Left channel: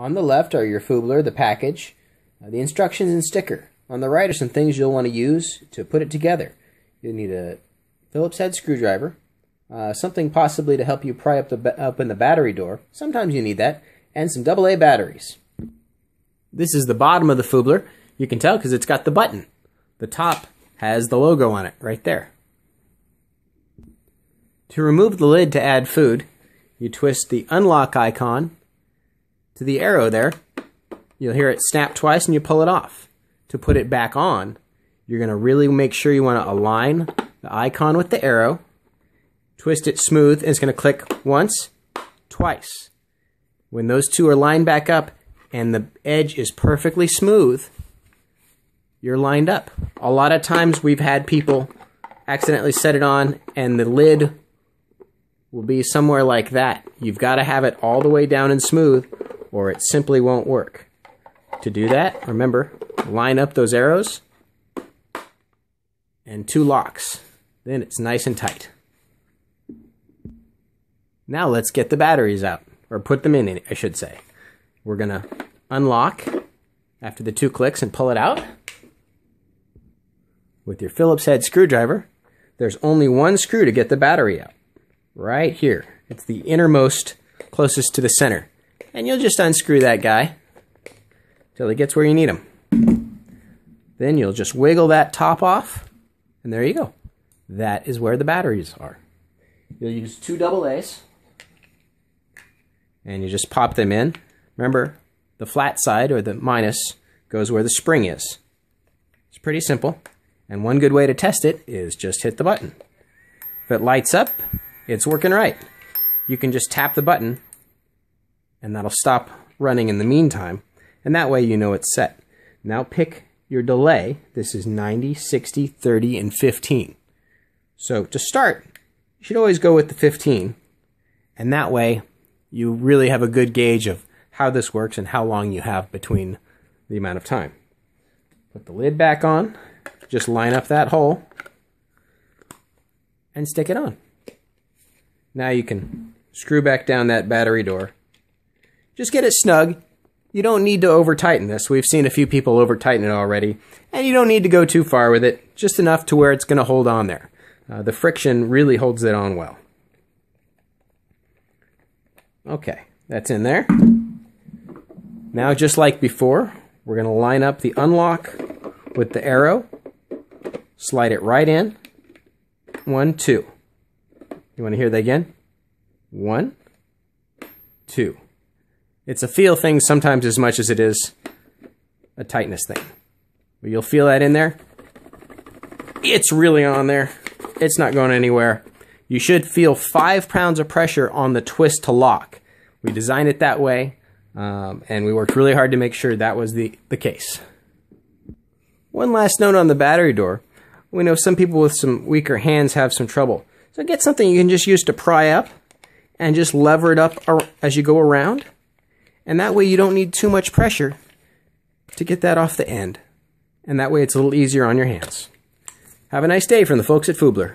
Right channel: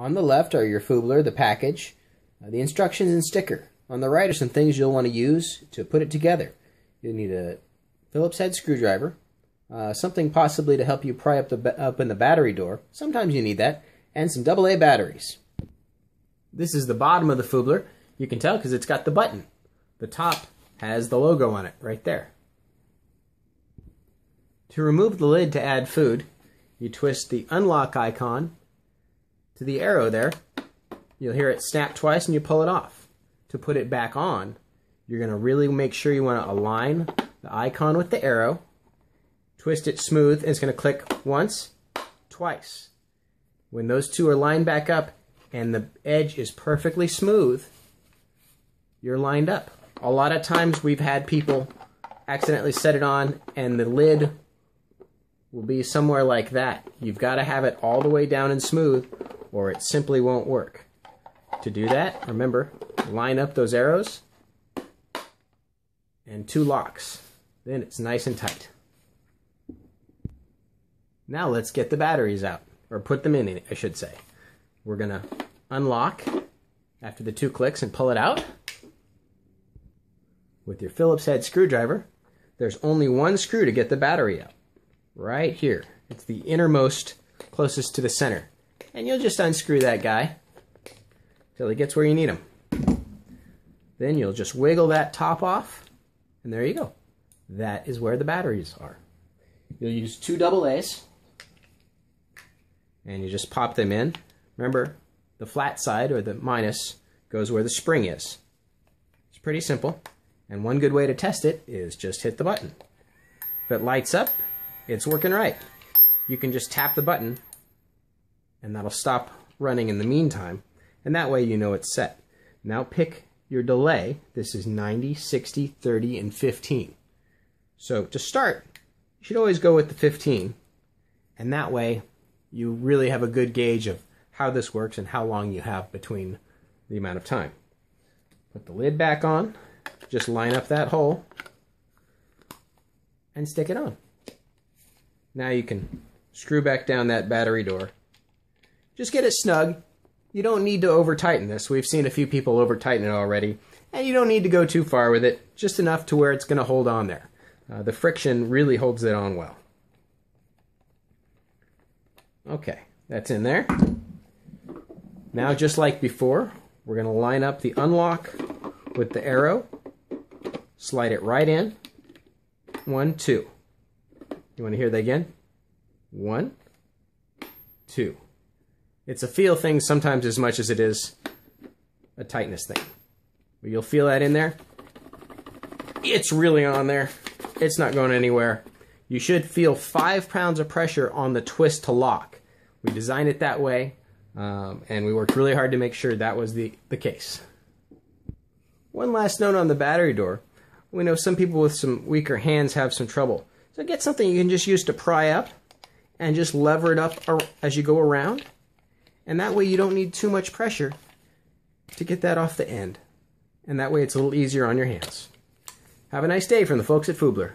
On the left are your Foobler, the package, the instructions and sticker. On the right are some things you'll want to use to put it together. You'll need a Phillips head screwdriver, something possibly to help you pry up in the battery door. Sometimes you need that, and some AA batteries. This is the bottom of the Foobler. You can tell because it's got the button. The top has the logo on it right there. To remove the lid to add food, you twist the unlock icon to the arrow there. You'll hear it snap twice and you pull it off. To put it back on, you're going to really make sure you want to align the icon with the arrow, twist it smooth, and it's going to click once, twice. When those two are lined back up and the edge is perfectly smooth, you're lined up. A lot of times we've had people accidentally set it on and the lid will be somewhere like that. You've got to have it all the way down and smooth or it simply won't work. To do that, remember, line up those arrows and 2 locks. Then it's nice and tight. Now let's get the batteries out, or put them in, I should say. We're going to unlock after the 2 clicks and pull it out. With your Phillips head screwdriver, there's only one screw to get the battery out. Right here. It's the innermost, closest to the center. And you'll just unscrew that guy till it gets where you need him. Then you'll just wiggle that top off, and there you go. That is where the batteries are. You'll use 2 AA's, and you just pop them in. Remember, the flat side, or the minus, goes where the spring is. It's pretty simple, and one good way to test it is just hit the button. If it lights up, it's working right. You can just tap the button, and that'll stop running in the meantime, and that way you know it's set. Now pick your delay. This is 90, 60, 30, and 15. So to start, you should always go with the 15, and that way you really have a good gauge of how this works and how long you have between the amount of time. Put the lid back on, just line up that hole, and stick it on. Now you can screw back down that battery door. Just get it snug. You don't need to over-tighten this. We've seen a few people over-tighten it already. And you don't need to go too far with it. Just enough to where it's going to hold on there. The friction really holds it on well. Okay, that's in there. Now, just like before, we're going to line up the unlock with the arrow. Slide it right in. 1, 2. You want to hear that again? 1, 2. It's a feel thing sometimes as much as it is a tightness thing. But you'll feel that in there. It's really on there. It's not going anywhere. You should feel 5 pounds of pressure on the twist to lock. We designed it that way, and we worked really hard to make sure that was the case. One last note on the battery door. We know some people with some weaker hands have some trouble. So get something you can just use to pry up and just lever it up as you go around. And that way you don't need too much pressure to get that off the end. And that way it's a little easier on your hands. Have a nice day from the folks at Foobler.